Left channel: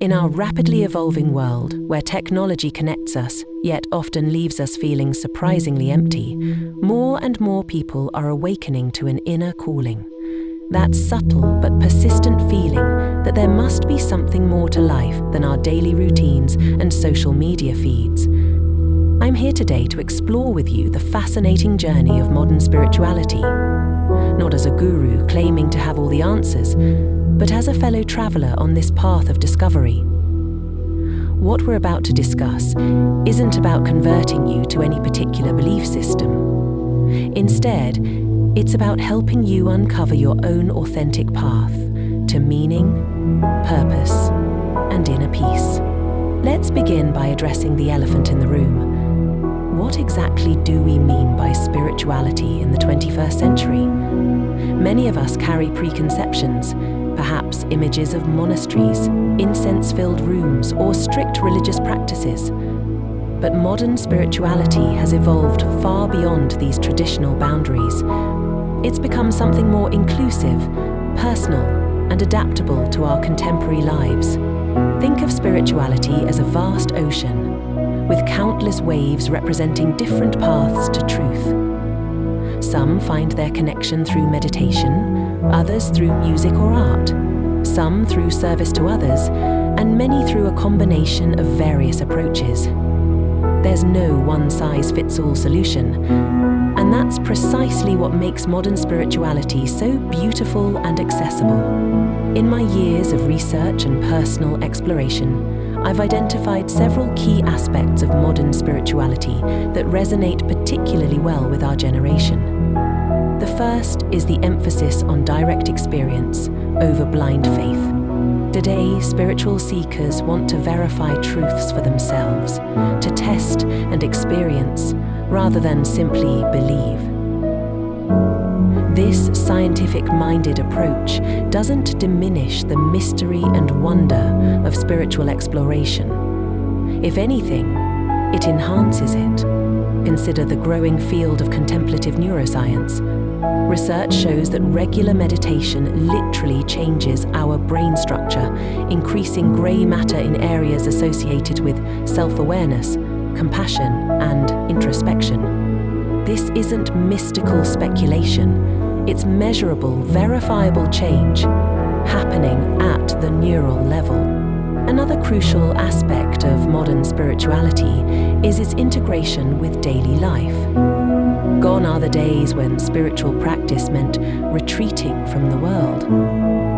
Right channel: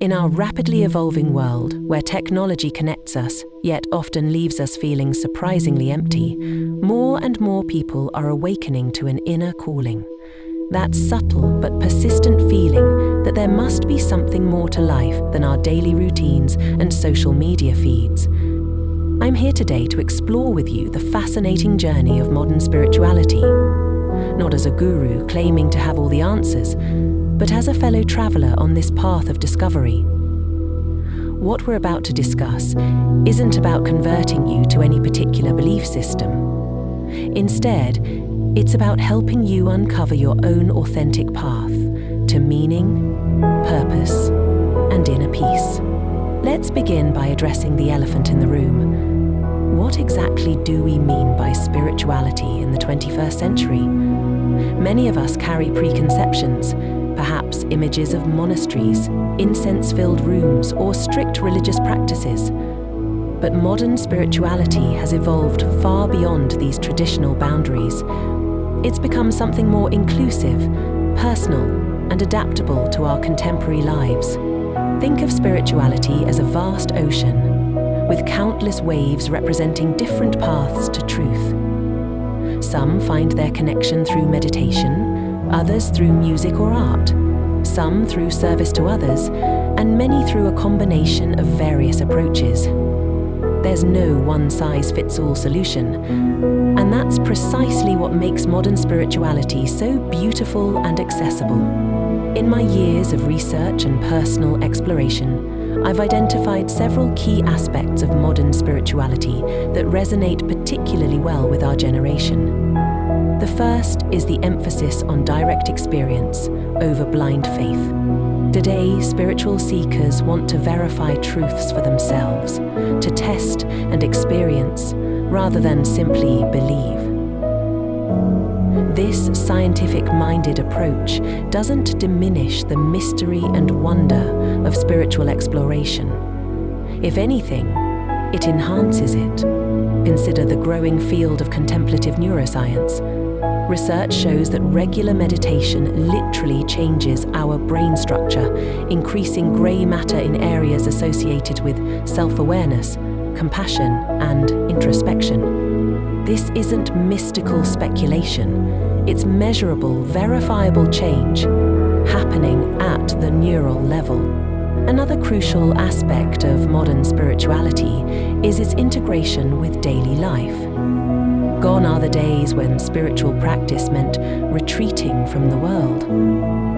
In our rapidly evolving world, where technology connects us, yet often leaves us feeling surprisingly empty, more and more people are awakening to an inner calling. That subtle but persistent feeling that there must be something more to life than our daily routines and social media feeds. I'm here today to explore with you the fascinating journey of modern spirituality. Not as a guru claiming to have all the answers, but as a fellow traveler on this path of discovery. What we're about to discuss isn't about converting you to any particular belief system. Instead, it's about helping you uncover your own authentic path to meaning, purpose, and inner peace. Let's begin by addressing the elephant in the room. What exactly do we mean by spirituality in the 21st century? Many of us carry preconceptions, perhaps images of monasteries, incense-filled rooms, or strict religious practices. But modern spirituality has evolved far beyond these traditional boundaries. It's become something more inclusive, personal, and adaptable to our contemporary lives. Think of spirituality as a vast ocean, with countless waves representing different paths to truth. Some find their connection through meditation, others through music or art, some through service to others, and many through a combination of various approaches. There's no one-size-fits-all solution, and that's precisely what makes modern spirituality so beautiful and accessible. In my years of research and personal exploration, I've identified several key aspects of modern spirituality that resonate particularly well with our generation. The first is the emphasis on direct experience over blind faith. Today, spiritual seekers want to verify truths for themselves, to test and experience, rather than simply believe. This scientific-minded approach doesn't diminish the mystery and wonder of spiritual exploration. If anything, it enhances it. Consider the growing field of contemplative neuroscience. Research shows that regular meditation literally changes our brain structure, increasing grey matter in areas associated with self-awareness, compassion, and introspection. This isn't mystical speculation. It's measurable, verifiable change happening at the neural level. Another crucial aspect of modern spirituality is its integration with daily life. Gone are the days when spiritual practice meant retreating from the world.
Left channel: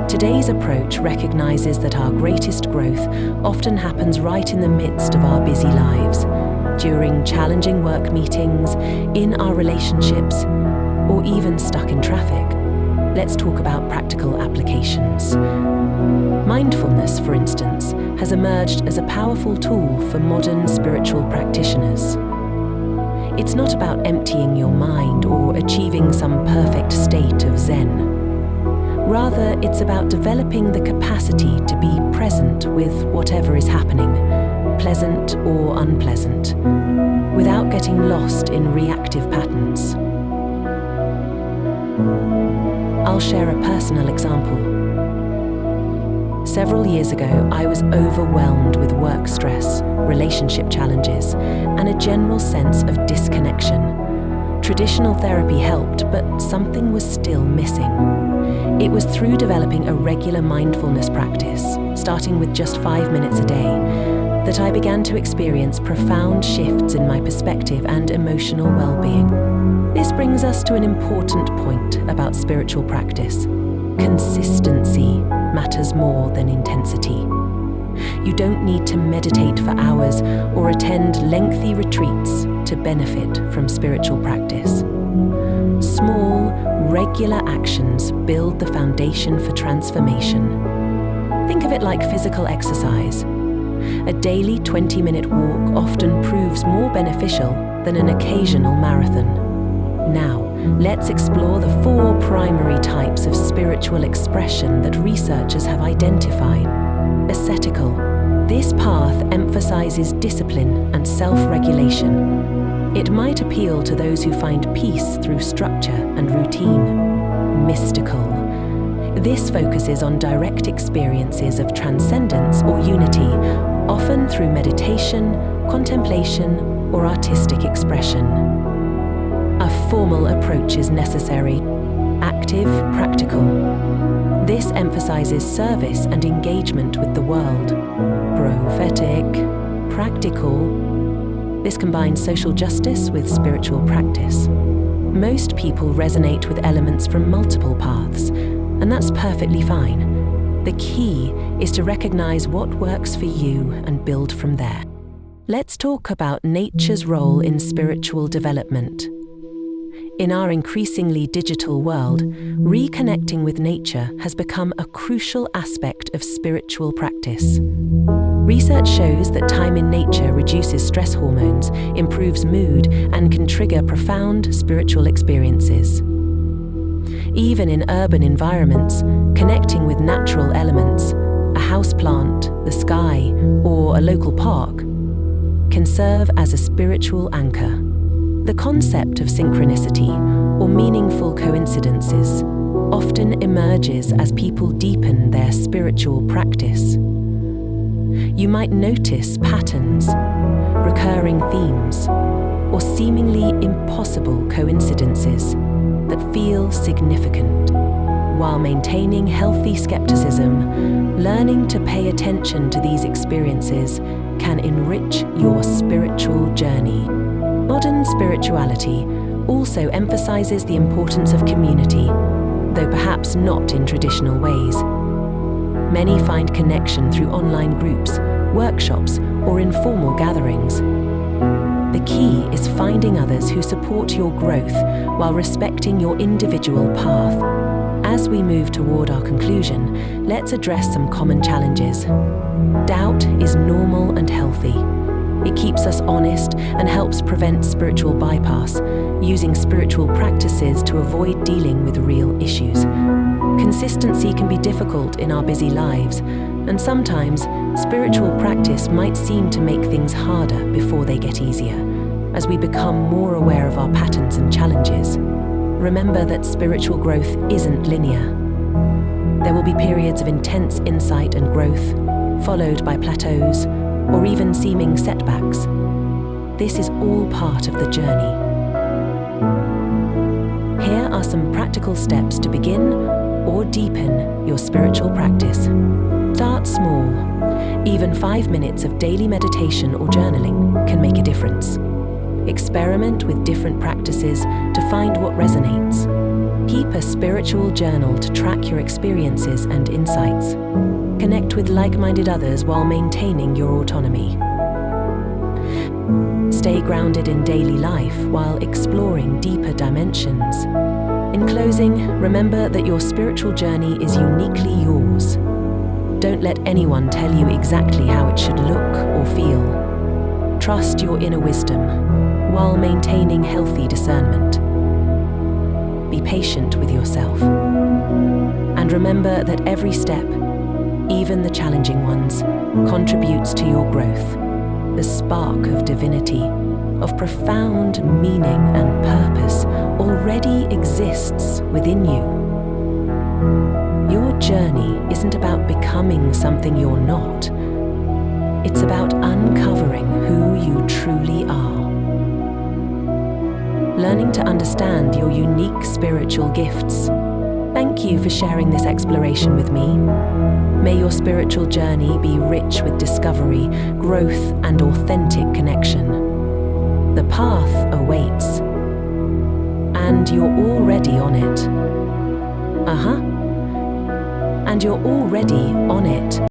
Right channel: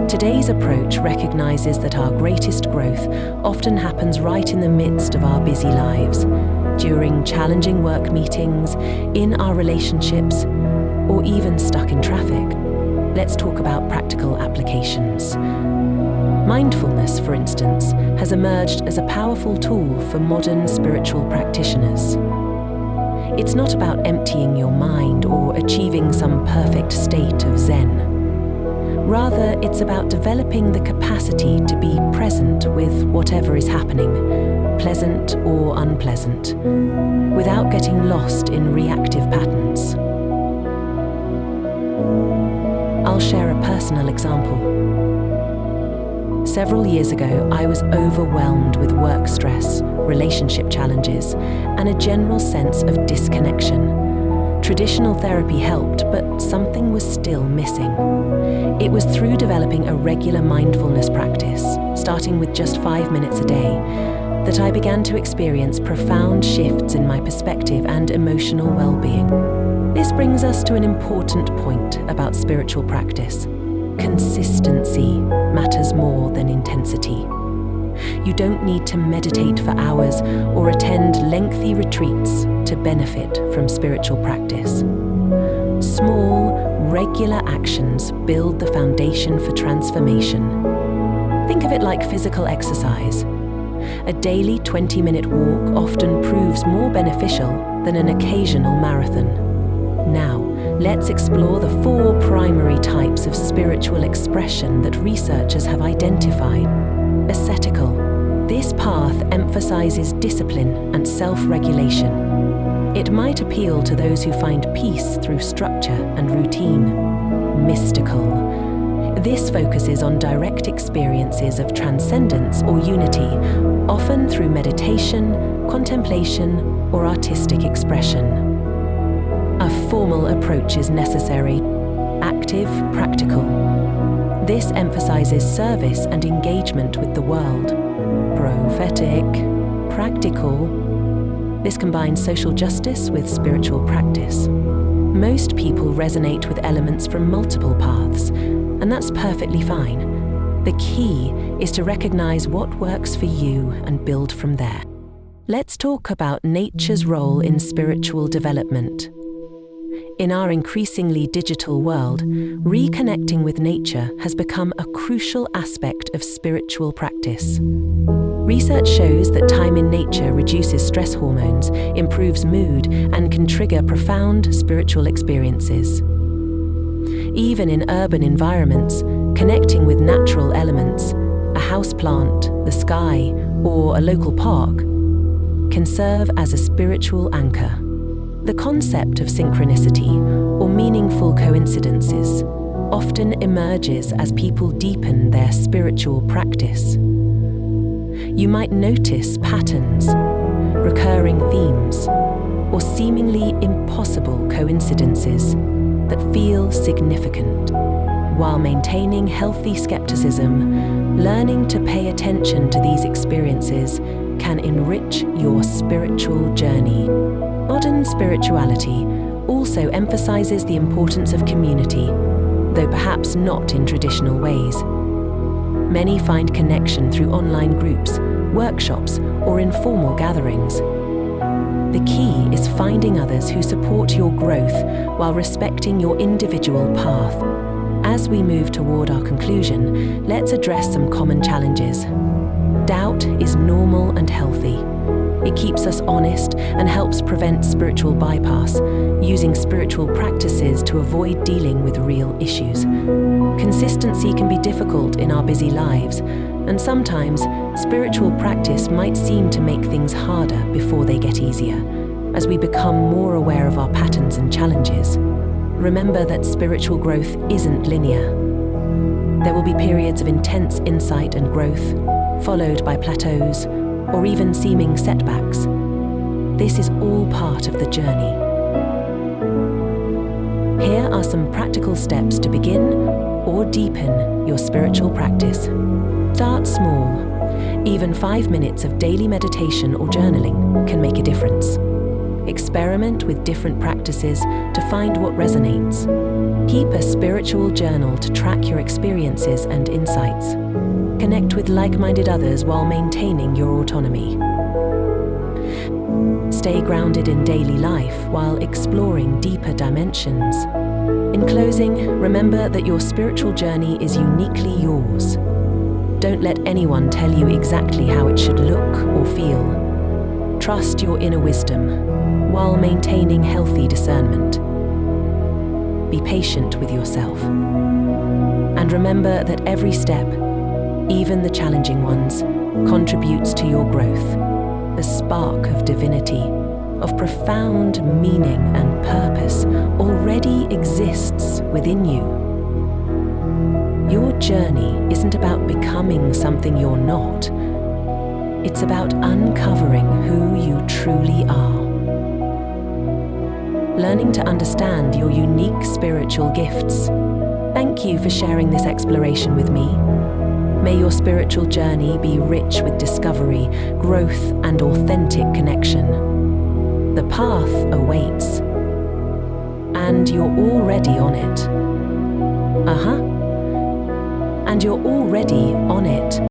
Today's approach recognizes that our greatest growth often happens right in the midst of our busy lives, during challenging work meetings, in our relationships, or even stuck in traffic. Let's talk about practical applications. Mindfulness, for instance, has emerged as a powerful tool for modern spiritual practitioners. It's not about emptying your mind or achieving some perfect state of Zen. Rather, it's about developing the capacity to be present with whatever is happening, pleasant or unpleasant, without getting lost in reactive patterns. I'll share a personal example. Several years ago, I was overwhelmed with work stress, relationship challenges, and a general sense of disconnection. Traditional therapy helped, but something was still missing. It was through developing a regular mindfulness practice, starting with just 5 minutes a day, that I began to experience profound shifts in my perspective and emotional well-being. This brings us to an important point about spiritual practice. Consistency matters more than intensity. You don't need to meditate for hours or attend lengthy retreats to benefit from spiritual practice. Small, regular actions build the foundation for transformation. Think of it like physical exercise. A daily 20-minute walk often proves more beneficial than an occasional marathon. Now, let's explore the 4 primary types of spiritual expression that researchers have identified. Ascetical. This path emphasizes discipline and self-regulation. It might appeal to those who find peace through structure and routine. Mystical. This focuses on direct experiences of transcendence or unity, often through meditation, contemplation, or artistic expression. A formal approach is necessary, active, practical. This emphasizes service and engagement with the world. Prophetic, practical. This combines social justice with spiritual practice. Most people resonate with elements from multiple paths, and that's perfectly fine. The key is to recognize what works for you and build from there. Let's talk about nature's role in spiritual development. In our increasingly digital world, reconnecting with nature has become a crucial aspect of spiritual practice. Research shows that time in nature reduces stress hormones, improves mood, and can trigger profound spiritual experiences. Even in urban environments, connecting with natural elements, a houseplant, the sky, or a local park, can serve as a spiritual anchor. The concept of synchronicity, or meaningful coincidences, often emerges as people deepen their spiritual practice. You might notice patterns, recurring themes, or seemingly impossible coincidences that feel significant. While maintaining healthy skepticism, learning to pay attention to these experiences can enrich your spiritual journey. Modern spirituality also emphasizes the importance of community, though perhaps not in traditional ways. Many find connection through online groups, workshops, or informal gatherings. The key is finding others who support your growth while respecting your individual path. As we move toward our conclusion, let's address some common challenges. Doubt is normal and healthy. It keeps us honest and helps prevent spiritual bypass, using spiritual practices to avoid dealing with real issues. Consistency can be difficult in our busy lives, and sometimes spiritual practice might seem to make things harder before they get easier, as we become more aware of our patterns and challenges. Remember that spiritual growth isn't linear. There will be periods of intense insight and growth, followed by plateaus, or even seeming setbacks. This is all part of the journey. Here are some practical steps to begin or deepen your spiritual practice. Start small. Even 5 minutes of daily meditation or journaling can make a difference. Experiment with different practices to find what resonates. Keep a spiritual journal to track your experiences and insights. Connect with like-minded others while maintaining your autonomy. Stay grounded in daily life while exploring deeper dimensions. In closing, remember that your spiritual journey is uniquely yours. Don't let anyone tell you exactly how it should look or feel. Trust your inner wisdom while maintaining healthy discernment. Be patient with yourself. And remember that every step, even the challenging ones, contributes to your growth. The spark of divinity, of profound meaning and purpose already exists within you. Your journey isn't about becoming something you're not. It's about uncovering who you truly are. Learning to understand your unique spiritual gifts. Thank you for sharing this exploration with me. May your spiritual journey be rich with discovery, growth, and authentic connection. The path awaits, and you're already on it. And you're already on it.